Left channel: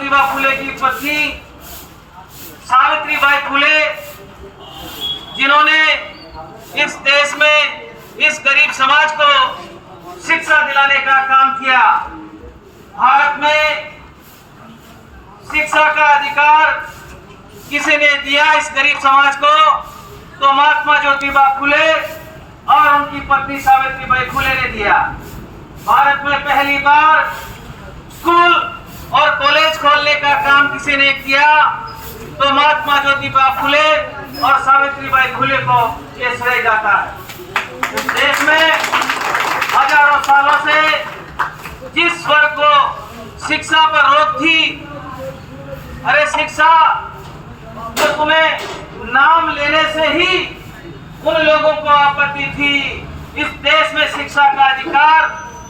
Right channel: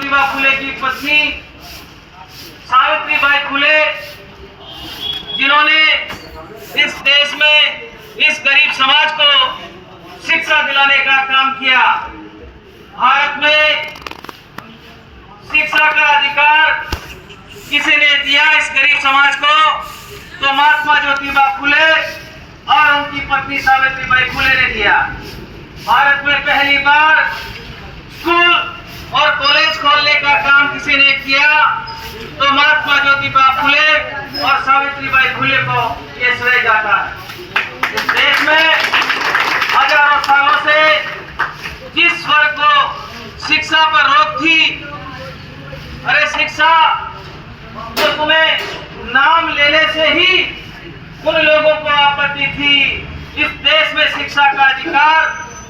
ज्योतिबा फुले की पत्नी सावित्रीबाई फुले, जिन्होंने इस देश में इस गरीब समाज को शिक्षा दिलाने का काम किया। भारत में शिक्षा का अधिकार किसी ने दिया इस गरीब समाज को, तो महात्मा ज्योतिबा फुले और उनकी पत्नी सावित्रीबाई फुले ने दिया। भारत में पहली बार स्कूल और कॉलेज खोलने का काम किसी ने किया, तो महात्मा ज्योतिबा फुले और सावित्रीबाई फुले को ये श्रेय जाता है। इस देश में हजारों सालों से जिस वर्ग को शिक्षा पर रोक थी, अरे शिक्षा तो तुम्हें नाम लेने से ही उन लोगों को आपत्ति थी। इस देश में शिक्षा का अधिकार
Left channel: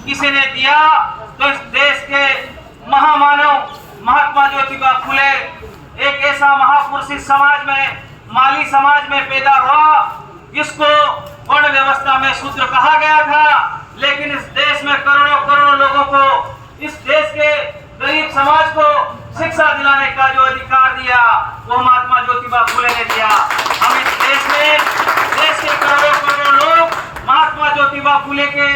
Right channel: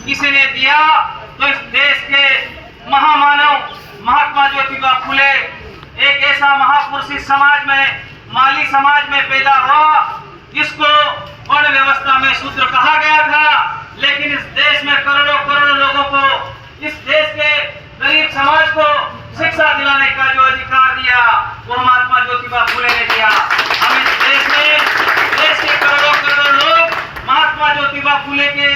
किसी ने दिया, तो इस देश के महामानव महात्मा ज्योतिबा फुले एक ऐसा महापुरुष इस समाज में, माली समाज में पैदा हुआ जिसको वर्ण व्यवस्था में शूद्र कहा गया था, लेकिन इस देश में करोड़ों करोड़ों लोगों को, इस देश के गरीब समाज को शिक्षा दिलाने का जो अधिकार दिया वो महात्मा ज्योतिबा फुले ने दिया। हम इस देश में, देश के करोड़ों करोड़ों लोग महात्मा ज्योतिबा फुले के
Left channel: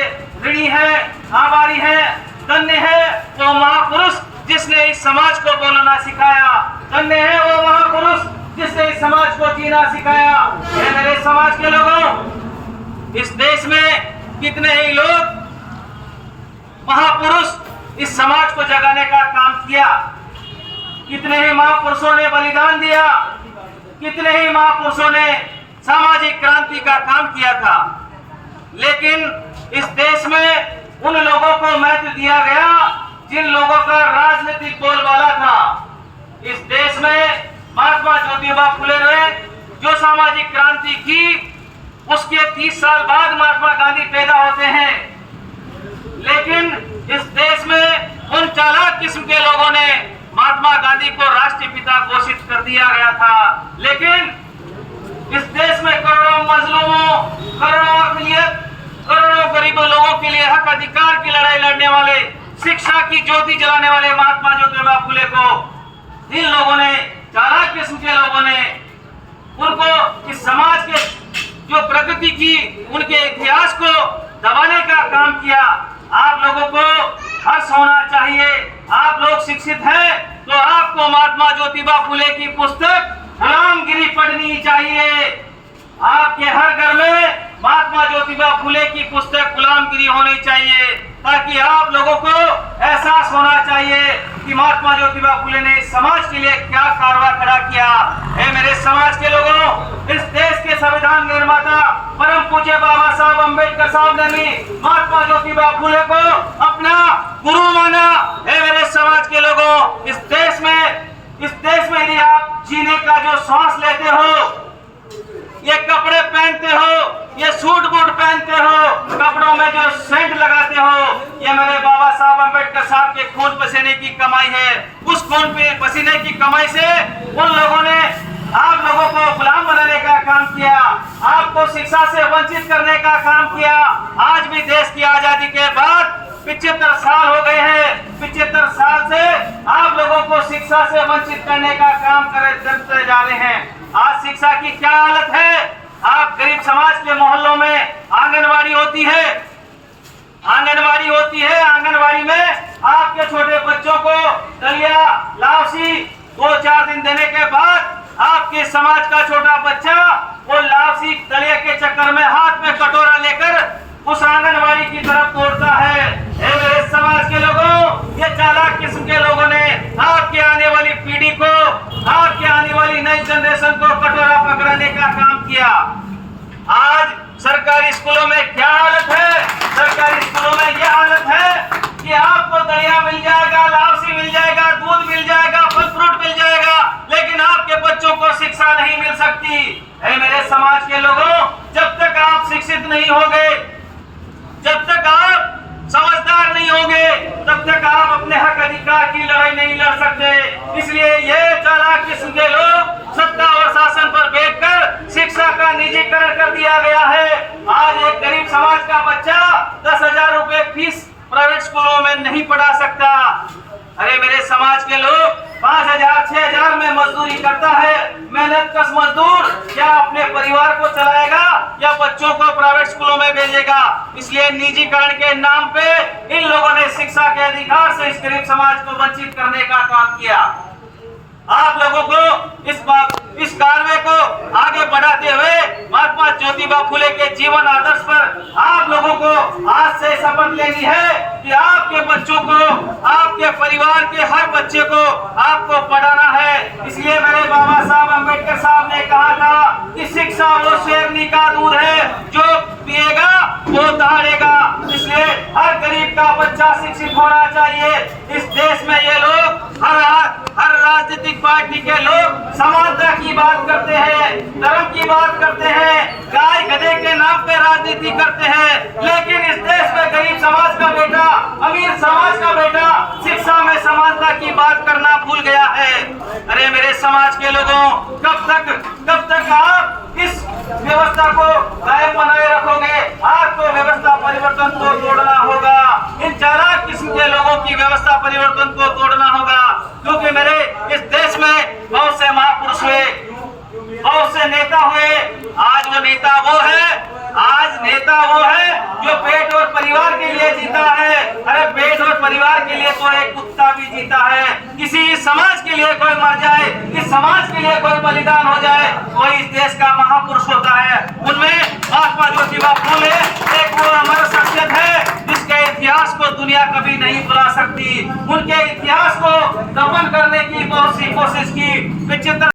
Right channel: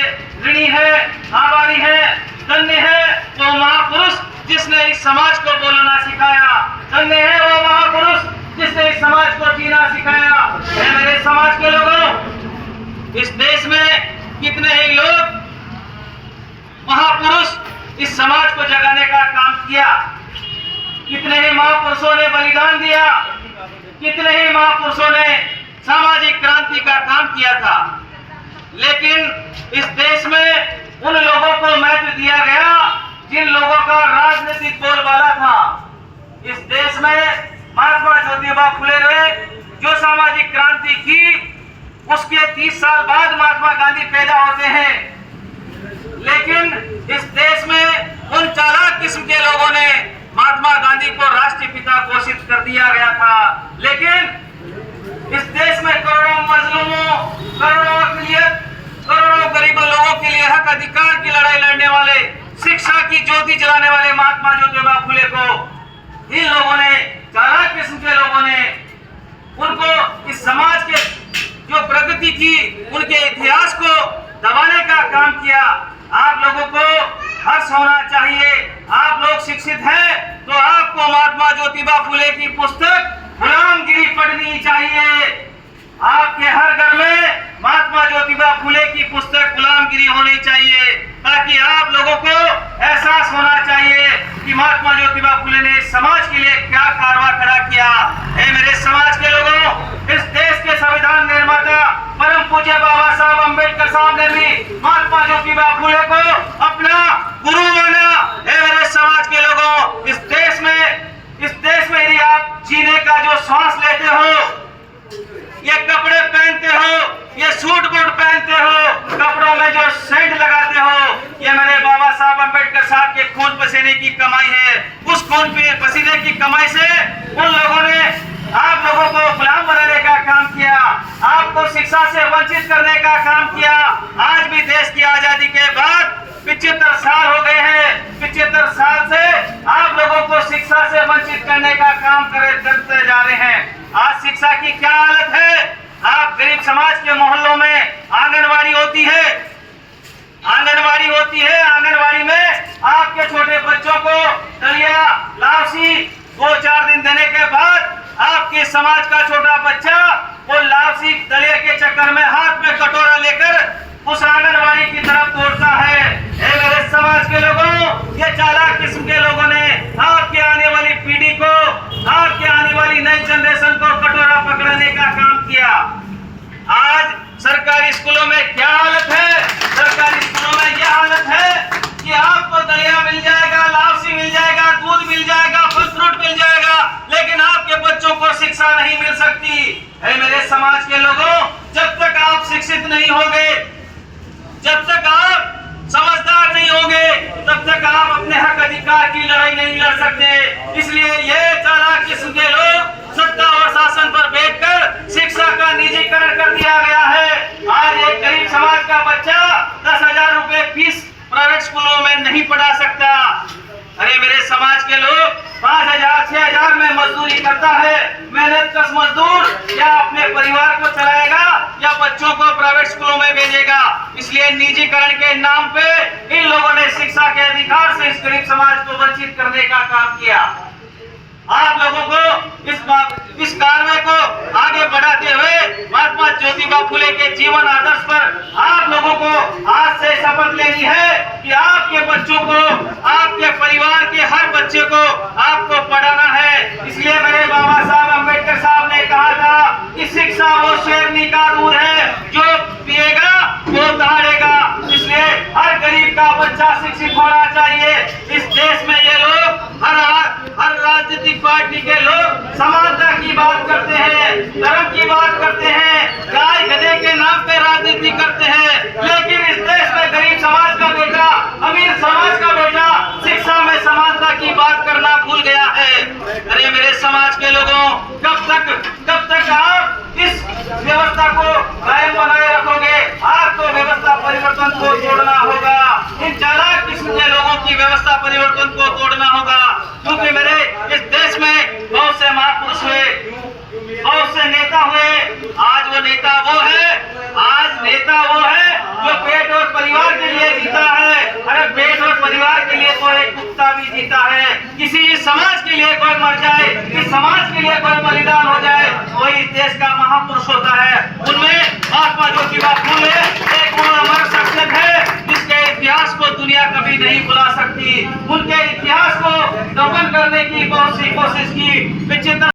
ऋणी है, आभारी है, धन्य है वो महापुरुष जिसने इस समाज को बोलना सिखाया, धन्य है वो महापुरुष जिसने इस समाज को जीना सिखाया। मेरे समाज के लोगों, इस देश में कितने ही लोग महापुरुष इस समाज को जगाने का काम किया, कितने ही महापुरुषों ने बलिदान दिया, कितने ही महापुरुषों ने सामाजिक क्रांति का काम किया था, लेकिन इस देश में उन लोगों को महत्व दिया गया जिन लोगों का राजनीतिक बोलबाला था। इस देश में महात्मा ज्योतिबा फुले ने जो सामाजिक क्रांति की, उसके 30 साल बाद महात्मा गांधी पैदा होते हैं, लेकिन इस देश में उन चालाक किस्म के लोगों ने महात्मा गांधी को राष्ट्रीय पिता घोषित कर दिया गया था, लेकिन इस देश में करोड़ों मजलूमों, करोड़ों अक़लियत, करोड़ों गरीब लोगों के लिए हक अधिकार की लड़ाई लड़ने वाले, शिक्षा की ज्योति जलाने वाले महात्मा ज्योतिबा फुले को इन लोगों ने, चालाक किस्म के लोगों ने, उनको इस समाज के जो प्रगति की, उनके इतिहास को दबाने का काम किया। आप लोगों को हर्ष होना चाहिए, आप लोग शिक्षित हैं तो आपको महात्मा ज्योतिबा फुले की पुस्तक गुलामगिरी पढ़नी चाहिए। आपके हर घर में महात्मा ज्योतिबा फुले की पुस्तक गुलामगिरी होनी चाहिए, ताकि आप लोगों को एहसास होना चाहिए कि महात्मा ज्योतिबा फुले ने समाज के लिए क्या कारवा खड़ा किया है। मेरे समाज के लोगों, इस देश के संविधान निर्माता परम पूज्य बाबा साहब अम्बेडकर साहब ने भी महात्मा ज्योतिबा फुले को अपना गुरु माना है। मेरे समाज के लोगों, इस देश में यदि आप जीने का जो श्वास लेते हो, ये कपड़े पहनते हो, ये सूट बूट पहनते हो, कपड़ों में जो सेंट लगाते हो, ये मेरे बाबा साहब अम्बेडकर साहब के खून पसीने की कमाई है। उस खून पसीने की कमाई से उन लोगों ने आप लोगों को गुलाम बनाने का काम किया, आपको शिक्षा से वंचित करने का काम किया। आज भी देश की आजादी के बाद 75 साल हो गए हैं, 75 साल से आप लोगों को शिक्षा से वंचित करने का काम करते जा रहे हैं। आज शिक्षा की क्या हालत है? आप गरीब समाज के मोहल्लों में आंगनवाड़ी होती है, आंगनवाड़ी में आपके छोटे बच्चों को दलिया, लावसी 2-4 दिन देने के बाद आपके समाज का छोटा बच्चा वो लावसी दलिया के चक्कर में हाथ में कटोरा लेकर उस आंगनवाड़ी की तरफ दौड़ता है। मेरे समाज के लोगों, ये चालाक किस्म के लोगों ने आपके आने वाली पीढ़ी को, आपके आने वाली नई जनरेशन को कटोरा पकड़ने का काम किया। आज सरकारी स्कूलों में क्या हालत है? सरकारी स्कूलों में यह हालत है कि आपको दलिया मिल जाएगा, लावसी मिल जाएगा, दूध मिल जाएगा, फल फ्रूट मिल जाएगा, लेकिन आपके बच्चों को शिक्षा नहीं मिल सकती। मेरे समाज के लोगों, जब तक आप शिक्षित नहीं होंगे, जब तक आप समझदार नहीं होंगे, तब तक आप अपने हक अधिकार की लड़ाई नहीं लड़ सकते। इसलिए ये चालाक किस्म के लोग सत्ता और शासन पर बैठकर शिक्षा का निजीकरण कर दिया गया है। आज एक गरीब समाज का बच्चा 10,000 रुपए फीस प्राइवेट स्कूलों में नहीं पढ़ा सकता। अरे मेरे समाज के लोग, 5,000 6,000 में मजदूरी करता है, मेहनत कश मजदूर क्या अपने परिवार को चलाएगा या बच्चों को प्राइवेट स्कूलों में भेजेगा। इसलिए निजीकरण के नाम पे इन लोगों ने शिक्षा के अधिकार से इस गरीब समाज को वंचित करने का काम किया। आप लोगों को इस कार्य को आगे बढ़ाते हुए महात्मा ज्योतिबा फुले के जीवन आदर्श पर आप लोगों को आज से शपथ लेनी है कि आपके बच्चों को, आपके परिवार के हर बच्चे को आपको पढ़ाना है। इसलिए मेरे बाबा साहब अम्बेडकर साहब ने कहा था कि शिक्षा वो शेरनी का दूध है, जो पिएगा वो दहाड़ेगा। इसलिए हर गरीब का बच्चा शिक्षित होना चाहिए। इस देश में ये लोग हर राजनीतिक पार्टी के लोग समानता की बात करते हैं, धर्म की बात करते हैं, गाय गधे के नाम पे राजनीति करते हैं, लेकिन इस देश में गरीब समाज का बेटा, अमीर समाज का बेटा शिक्षा में समानता की बात करना भूल गया है। अरे मेरे समाज के लोगों, कब तक आप इस व्यवस्था को कायम बनाए रखोगे? आपको व्यवस्था परिवर्तन को तोड़ना होगा। इन चालाक किस्म के लोगों की व्यवस्था परिवर्तन को तोड़ना होगा, क्योंकि मेरे इस देश में बहुत से महापुरुष हुए, बहुत से नेता हुए। आज नेता वो है जो पेट और परिवार के लिए जीता है। अरे पेट और परिवार के लिए तो एक कुत्ता भी जीता है। किसी समाज के लिए कोई मर जाए, इस समाज के लिए कोई बलिदान हो जाए, कोई इस देश का महापुरुष होता है। उनमें महात्मा ज्योतिबा फुले एक वो अमर शख्सियत है जिसके इतिहास को दुनिया कभी नहीं भुला सकती। उनके इतिहास को दफन करने की बहुत सी कोशिश की, विचित्र